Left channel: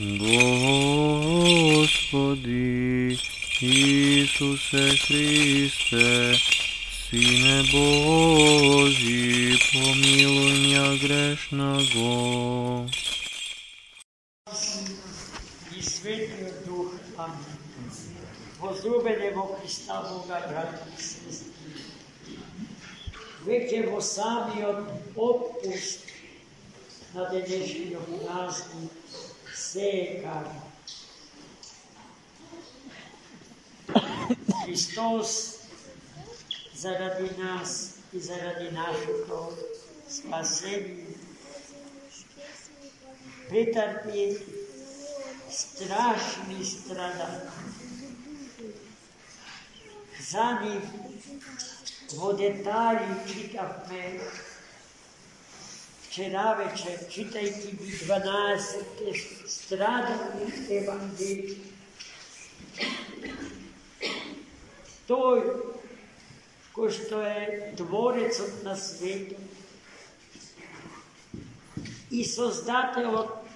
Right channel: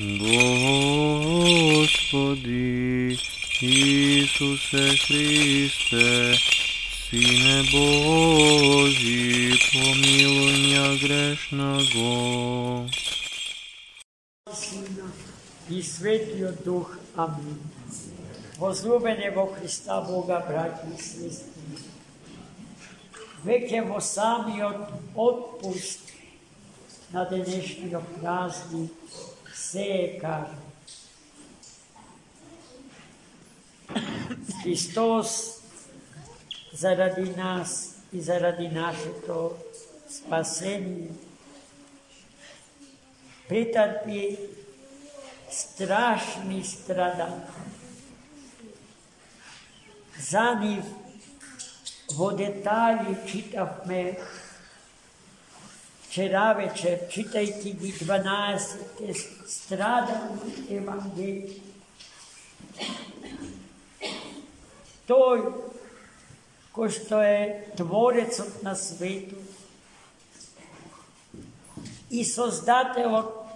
Господи Исусе Христе, Сине Божий, помилуй меня грешного. И Светлиот Дух. Амин. Возлюбени во Христа Бога, браќи и сестри, веќе во самиот отпуст на денешниот празник се е кажа. Христос заради нас и заради нашето спасение претрпи страшни страдания. За нив во детали читавме вчера вечер, читајќи ги 12 страдални евангелии. Тој кој што е Творецот на светот и Создателот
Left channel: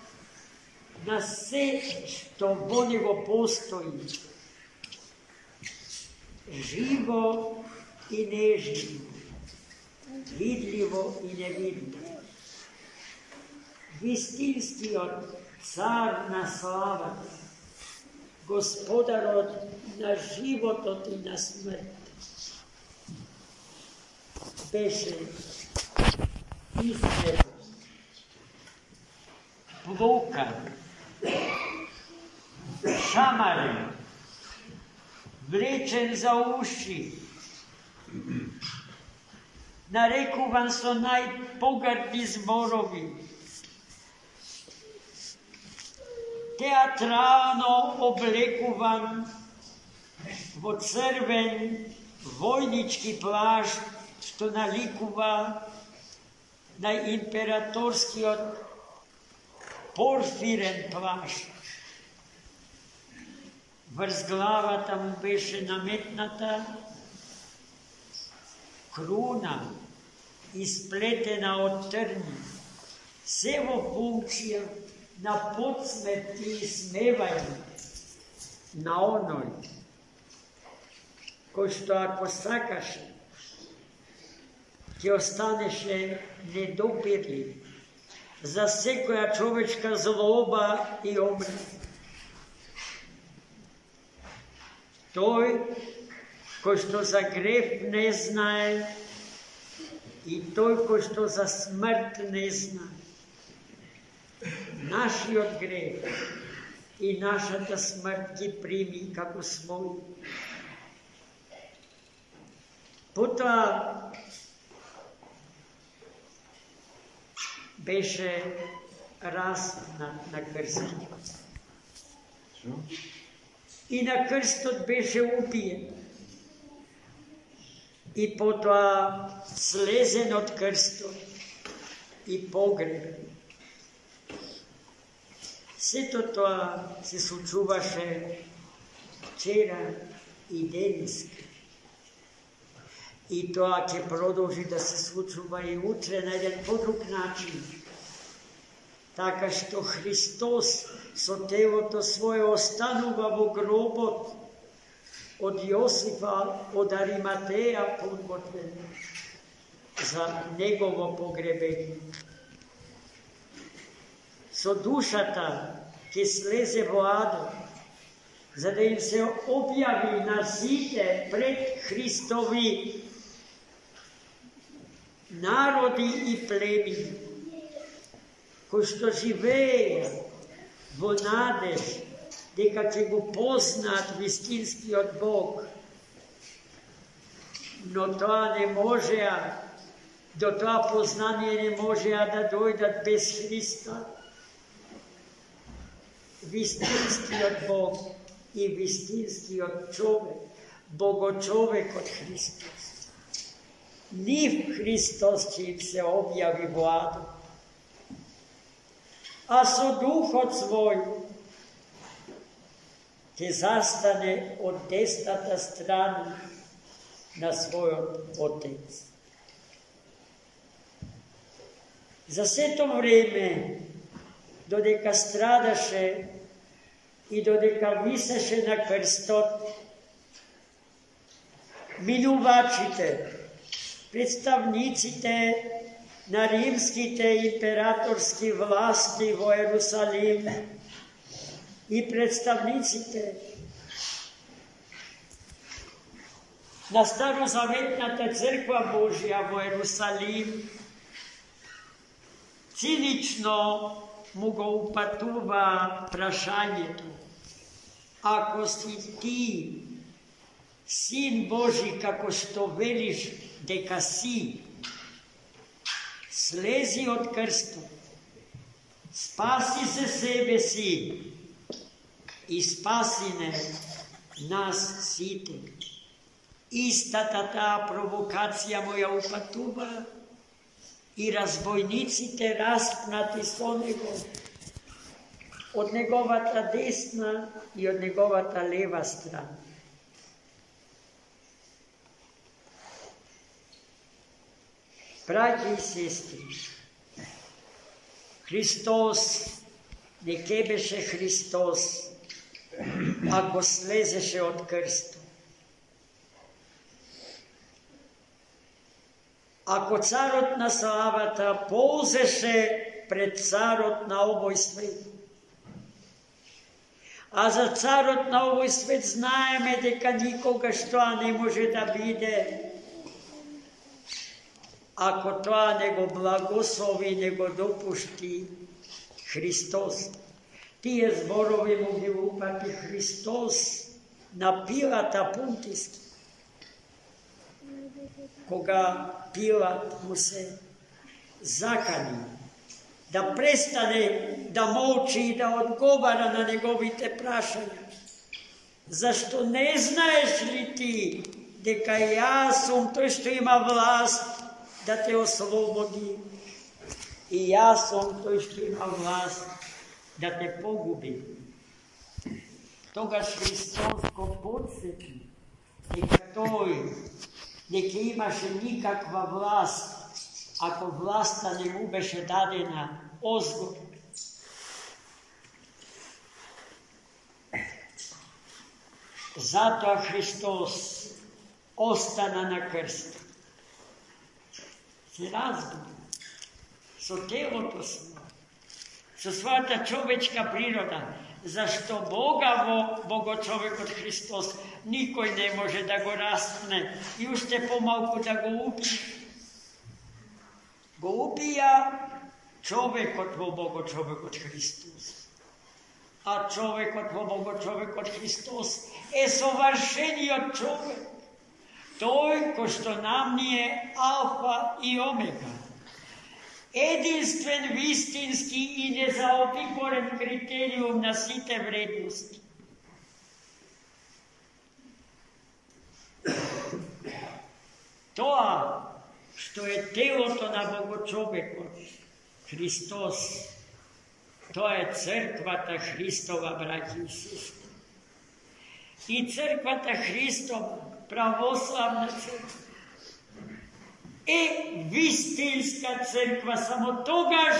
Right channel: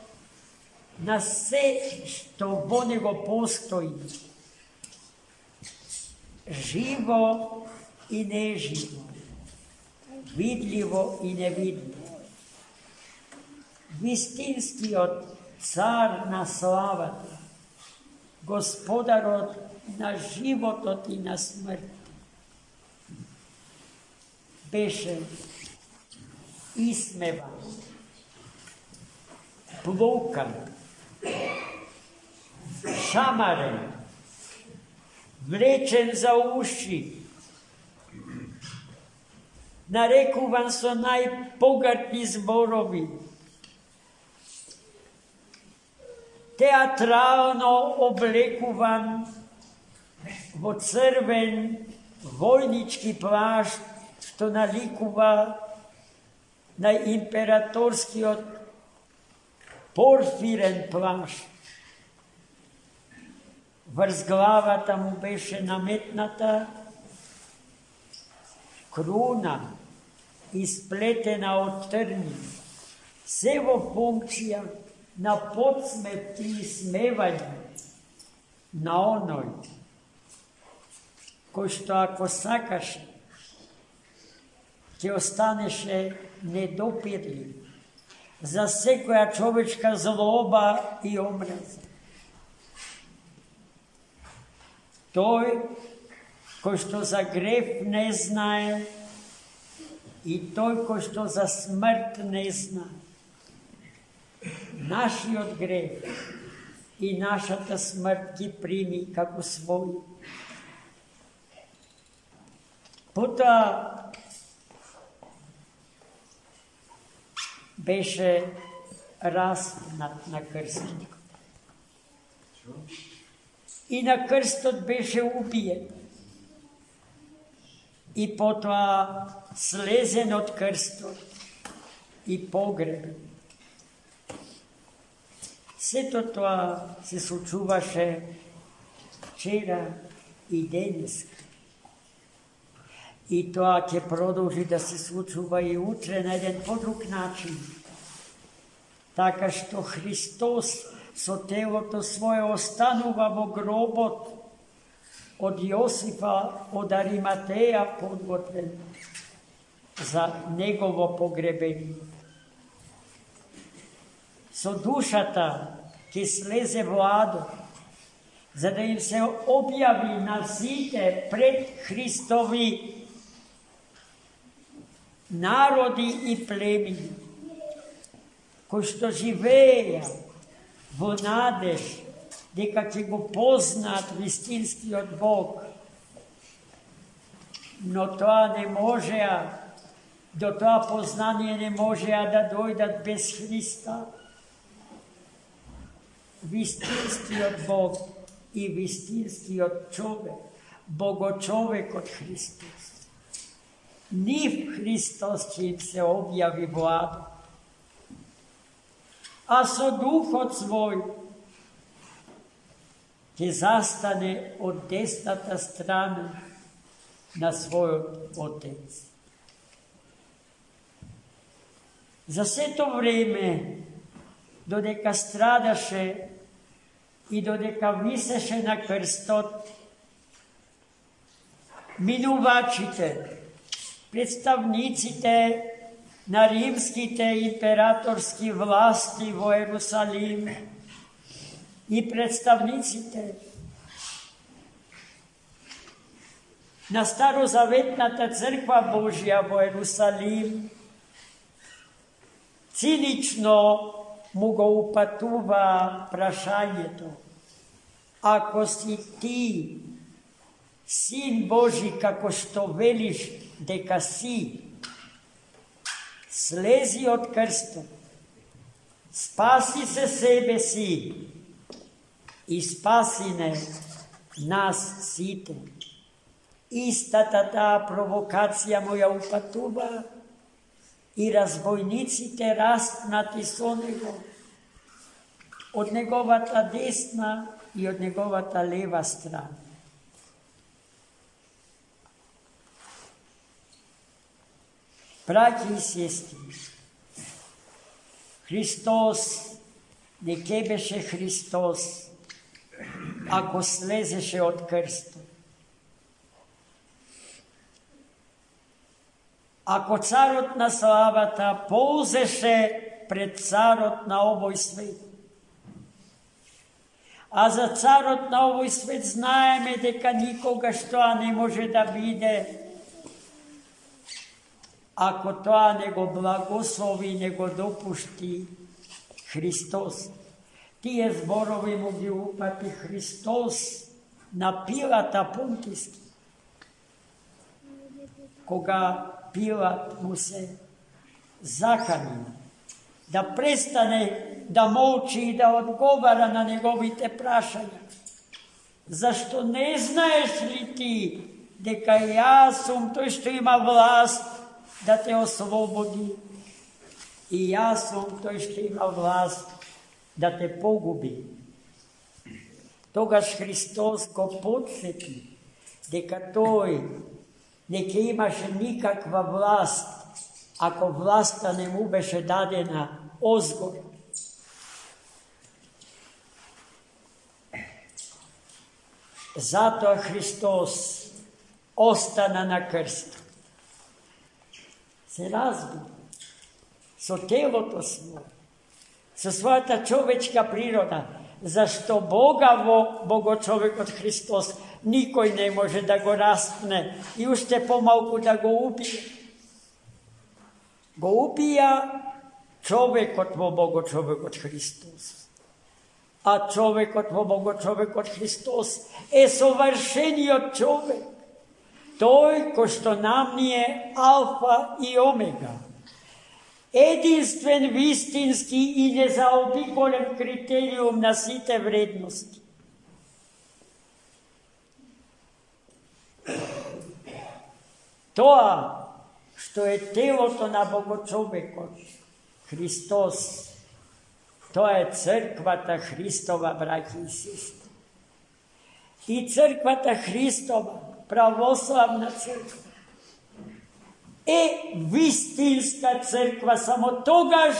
на се што во него постои, живо и неживо, видливо и невидливо, вистинскиот цар на славата, Господарот на животот и на смрт, беше исмеван, плокан, шамарен, влечен за уши, нарекуван со најпогрдни зборови, театрално облекуван во црвен војнички плашт, што наликува на императорскиот порфирен плашт. Врз главата му беше наметната круна, исплетена од трни, се во функција на подсмет и смевање на оној кој што ако сакаше ќе останеше недопирлив за секоја човечка злоба и омраза. Тој кој што за грев не знае и тој кој што за смрт не знае. Нашиот грев и нашата смрт ги прими како свој. Потоа беше распнат на крстот. И на крстот беше убиен. И потоа слезен од крстот и погребен. Сето тоа се случуваше вчера и денеска. И тоа ќе продолжи да се случува и утре на еден подруг начин. Така што Христос со телото свое останува во гробот од Јосифа од Ариматеја подготвен за негово погребение. Со душата ќе слезе во Адом, за да им се објави на сите пред Христови народи и племени, кои што живееја во надеж дека ќе го познаат вистинскиот Бог, но тоа не можеа, до тоа познание не можеа да дојдат без Христа. Вистинскиот Бог и вистинскиот човек, Богочовекот Христос. Нив Христос ќе им се објави во Адом, а со Духот свој ќе застане од десната страна на својот Отец. За сето време додека страдаше и додека висеше на крстот, минувачите, представниците на римските императорски власти во Ерусалим и представниците на Старозаветната црква Божја во Ерусалим цинично му го упатува прашањето: ако си ти Син Божи, како што велиш дека си, слези од крстот, спаси се себе си и спаси не нас сите. Истата таа провокација му ја упатува и разбойниците распнати со него од неговата десна и од неговата лева страна. Браќи и сестри, Христос не ке беше Христос ако слезеше од крстот. Ако царот на славата ползеше пред царот на овој свет, а за царот на овој свет знаеме дека никогаш тоа не може да биде, ако тоа не го благослови, не го допушти Христос. Тие зборови му ги упати Христос на Пилата Понтиски, кога Пилат му се закани да престане да молчи и да одговара на неговите прашања. Зашто не знаеш ли ти дека јас сум тој што има власт да те ослободи и јас сум тој што има власт да те погуби? Тогаш Христос го подсети дека тој не ке имаше никаква власт ако власта не му беше дадена озгор. Затоа Христос остана на крст. Се разбира, со телото свое, со својата човечка природа, зашто Бога во Богочовекот Христос никој не може да го распне и уште помалку да го убие. Го убија човекот во Богочовекот Христос. А човекот во Богочовекот Христос е совршениот човек. Тој кој што нам ни е алфа и омега. Единствен, вистински и незаобиколен критериум на сите вредности. Тоа што е телото на Богочовекот Христос, тоа е црквата Христова, браќи и сестри. И црквата Христова, православна црква, е вистинска црква само тогаш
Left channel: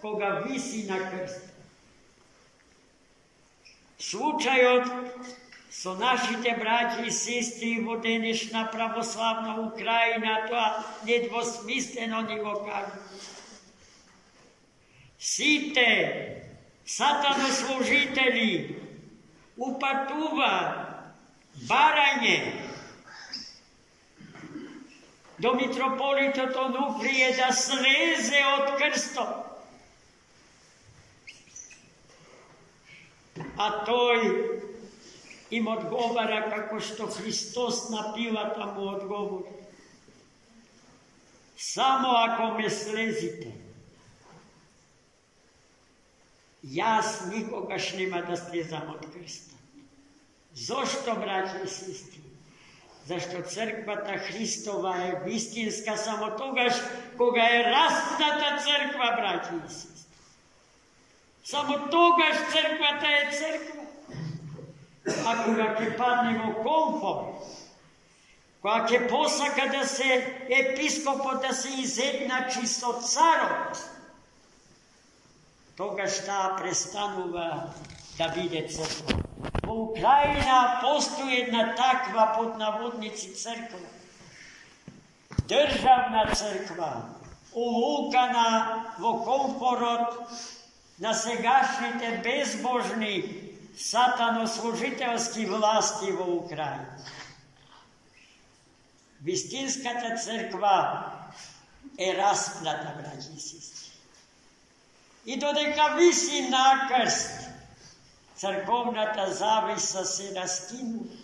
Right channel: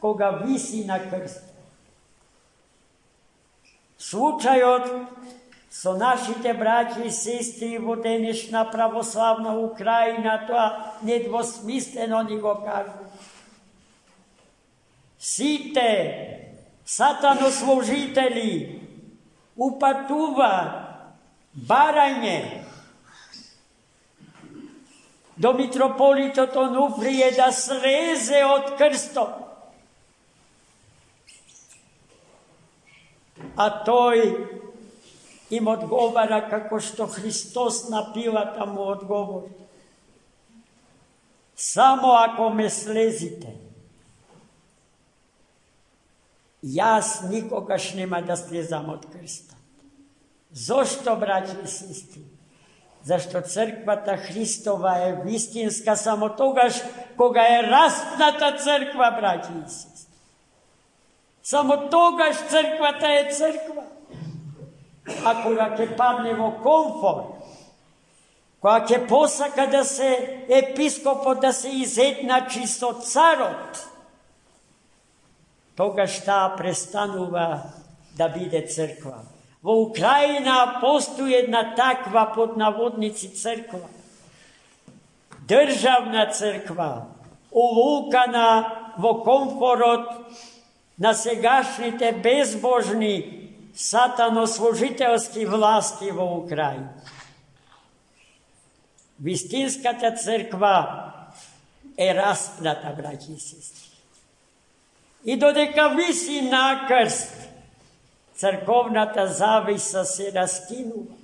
кога виси на крст. Случајот со нашите браќи и сестри во денешна православна Украина, тоа недвосмислено ни го кажа. Сите сатанослужители упатува барање до митрополитот Онуфрие да слезе од крстот. А тој им одговара како што Христос на Пилата му одговори: само ако ме слезите, јас никогаш нема да слезам од крстот. Зошто, браќи и сестри? Зашто црквата Христова е вистинска само тогаш кога е распната црква, браќи и сестри. Само тогаш црквата е црква. А кога ќе падне во комфорт, кога ќе посака да се епископот да се изедначи со царот, кога šta престанува да биде црква. Во Украина постои една таква под наводници црква. Државна црква, увукана во комфорот на сегашните безбожни сатанослужителски власти во Украина. Вистинската црква е распната, браќи и сестри. И додека виси на крст, црковната зависа се раскинува.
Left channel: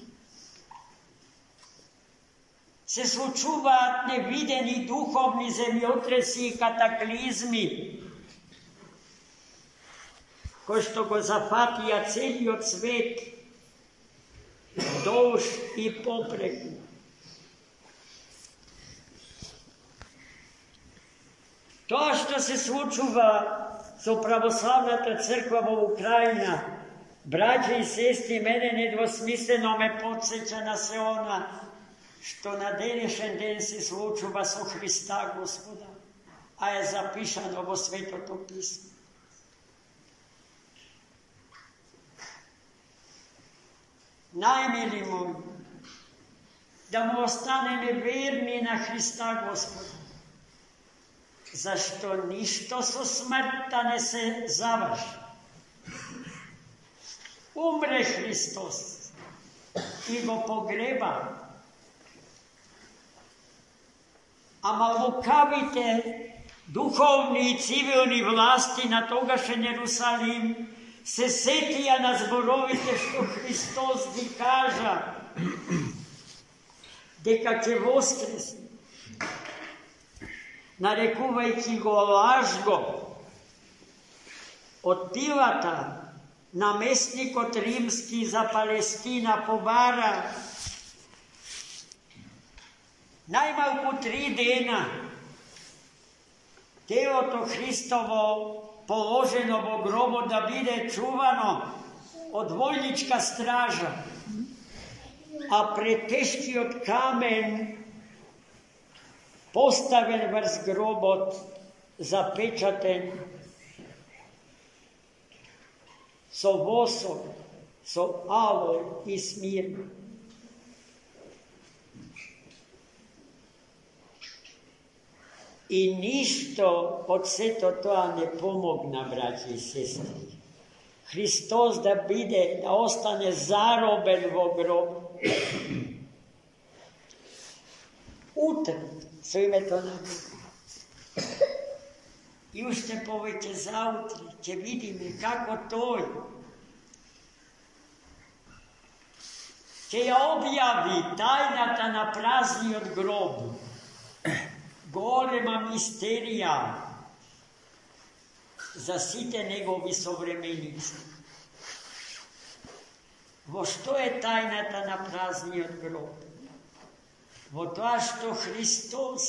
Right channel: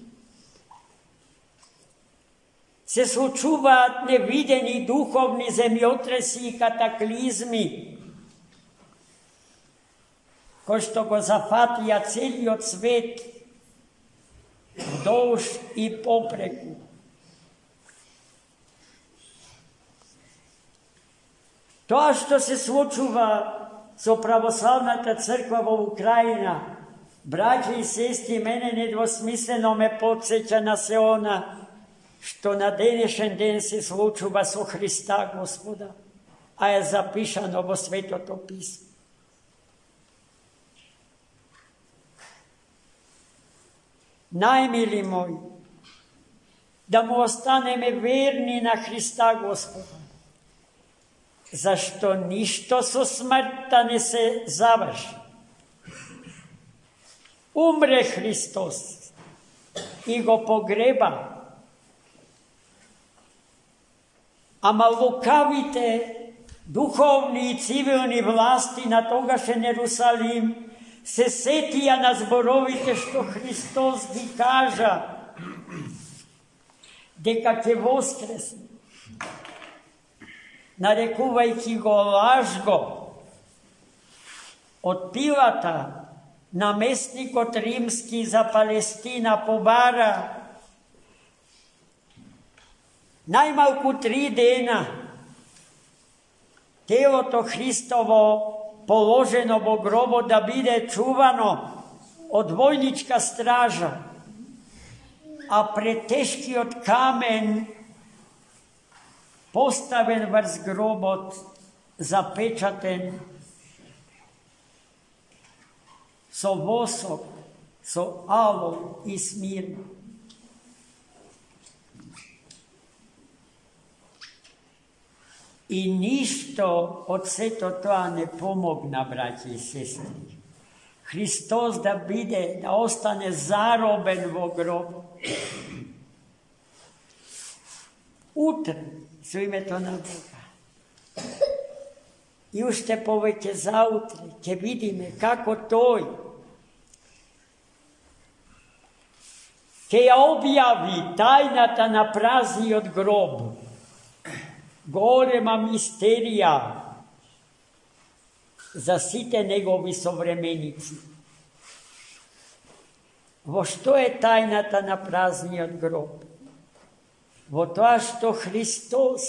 Се случуваат невидени духовни земјотреси и катаклизми, кои што го зафатија целиот свет долж и попреку. Тоа што се случува со православната црква во Украина, браќа и сестри, мене недвосмислено ме потсеќа на се она што на денешен ден се случува со Христа Господа, а е запишано во Светото Писмо. Најмили мои, да му останеме верни на Христа Господа, зашто ништо со смртта не се заврши. Умре Христос и го погреба, ама лукавите духовни и цивилни власти на тогашен Ерусалим се сетија на зборовите што Христос ги кажа дека ќе воскресне, нарекувајќи го лажго. Од Пилата наместникот римски за Палестина побара најмалку 3 дена телото Христово положено во гробот да биде чувано од војничка стража, а претешкиот камен поставен врз гробот, запечатен со восок, со алој и смирна. И ништо од сето тоа не помогна, браќи и сестри. Христос да биде, да остане заробен во гроб. Утре, со името на Бога. И уште повеќе заутре ќе видиме како тој ќе ја објави тајната на празниот гроб. Голема мистерија за сите негови современици. Во што е тајната на празниот гроб? Во тоа што Христос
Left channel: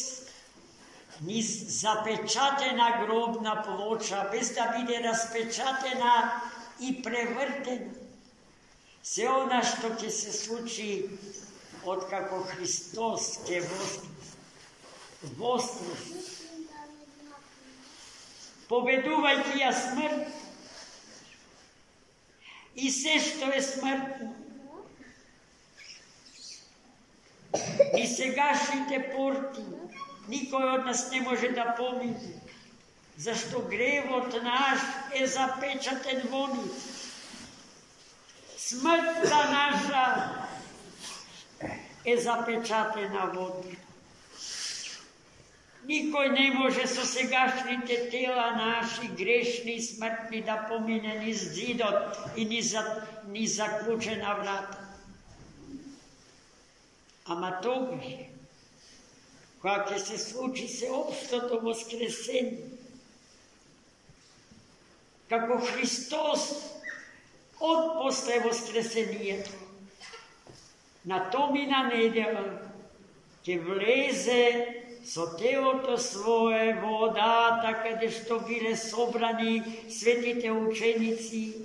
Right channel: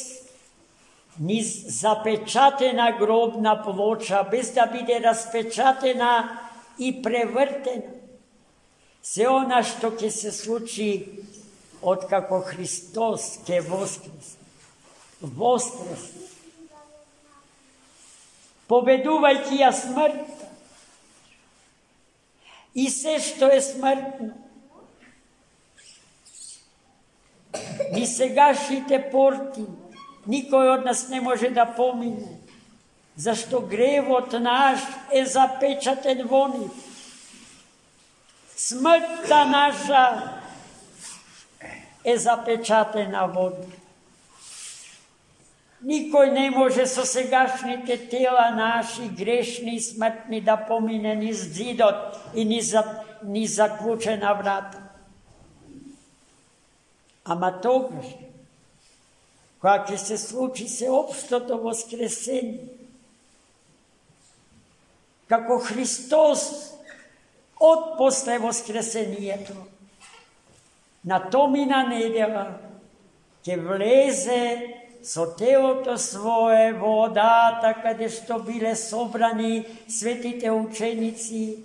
низ запечатена гробна плоча, без да биде распечатена и превртена, се она што ќе се случи откако Христос ќе воскресне. Победувајќи ја смрт и се што е смртно. И сегашните порти никој од нас не може да помине, зашто гревот наш е запечатен во нив. Смртта наша е запечатена во нив. Никој не може со сегашните тела наши, грешни и смртни, да помине низ зидот и низ заклучена врата. Ама тогаш, кога ќе се случи сеопштото воскресение, како Христос од после воскресението, на томина недела ќе влезе со телото свое во одата каде што биле собрани светите ученици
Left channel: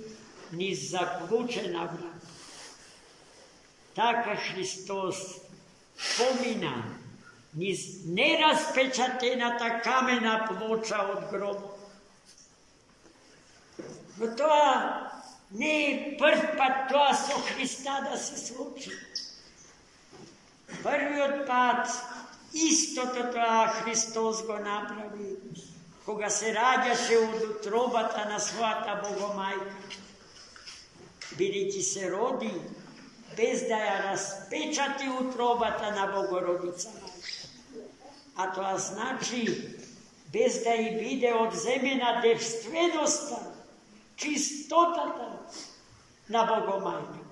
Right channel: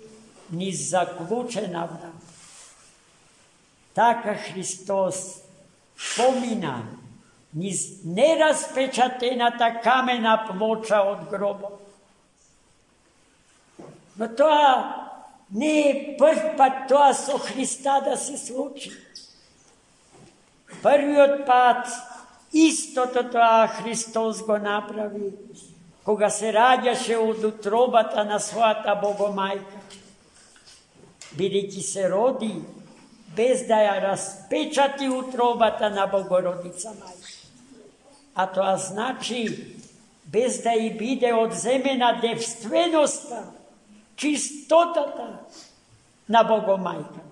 низ заклучена врата. Така Христос помина низ нераспечатената камена плоча од гробот. Но тоа не е прв пат тоа со Христа да се случи. Првиот пат истото тоа Христос го направи, кога се раѓаше од утробата на својата Богомајка. Бидејќи се роди, без да ја распечати утробата на Богородица Мајка. А тоа значи, без да и биде одземена девственоста, чистотата на Богомајка.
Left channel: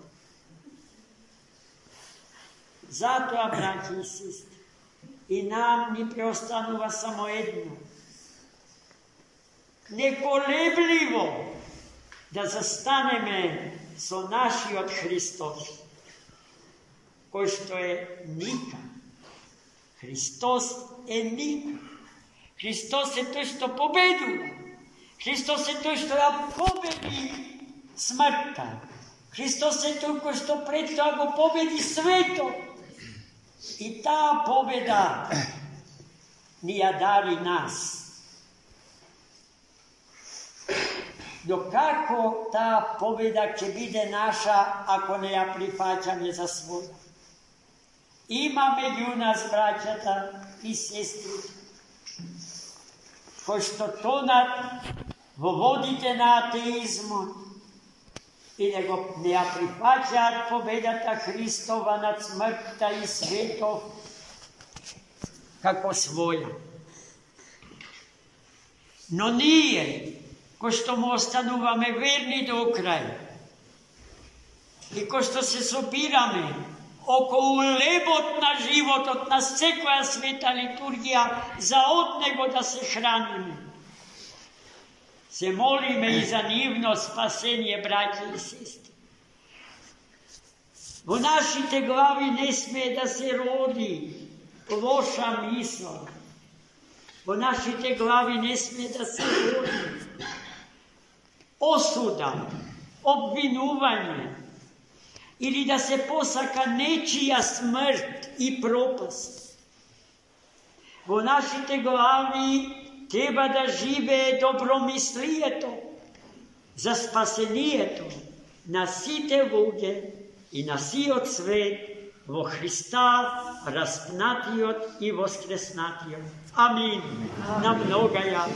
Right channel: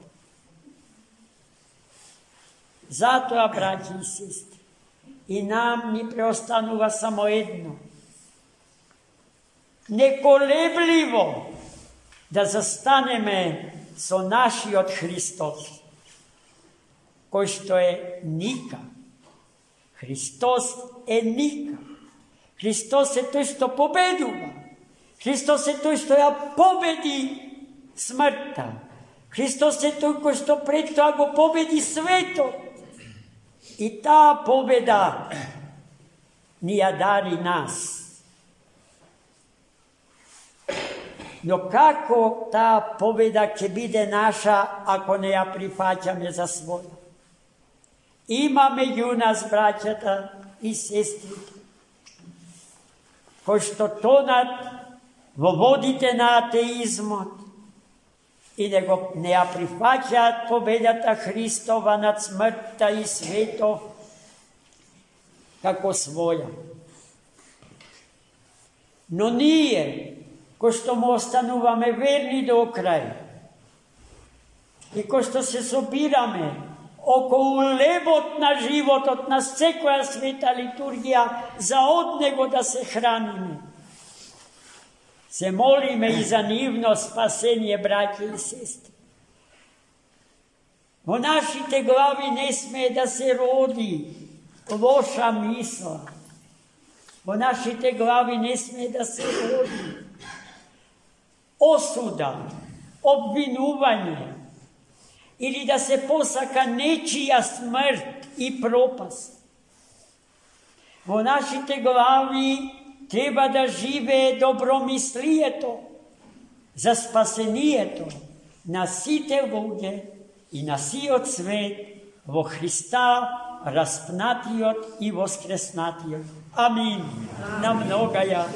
Затоа, браќи и сестри, и нам ни преостанува само едно. Неколебливо да застанеме со нашиот Христос, кој што е ника. Христос е ника. Христос е тој што победува. Христос е тој што ја победи смртта. Христос е тој кој што пред тоа го победи светот. И таа победа ни ја дари нас. Но како таа победа ќе биде наша ако не ја прифаќаме за своја? Има меѓу нас, браќата и сестрите, кои што тонат во водите на атеизмот и не ја прифаќаат победата Христова над смртта и светов како своја. Но ние, кои што му остануваме верни до крај и кои што се собираме околу лебот на животот на секоја света литургија за од него да се храниме, се молиме и за нивно спасение, браќи и сестри. Во нашите глави не смее да се роди лоша мисла. Во нашите глави не смее да се роди осуда, обвинување, или да се посака нечија смрт и пропаст. Во нашите глави треба да живее добромислието за спасението на сите луѓе и на сиот свет во Христа, распнатиот и воскреснатиот. Амин. На многаја.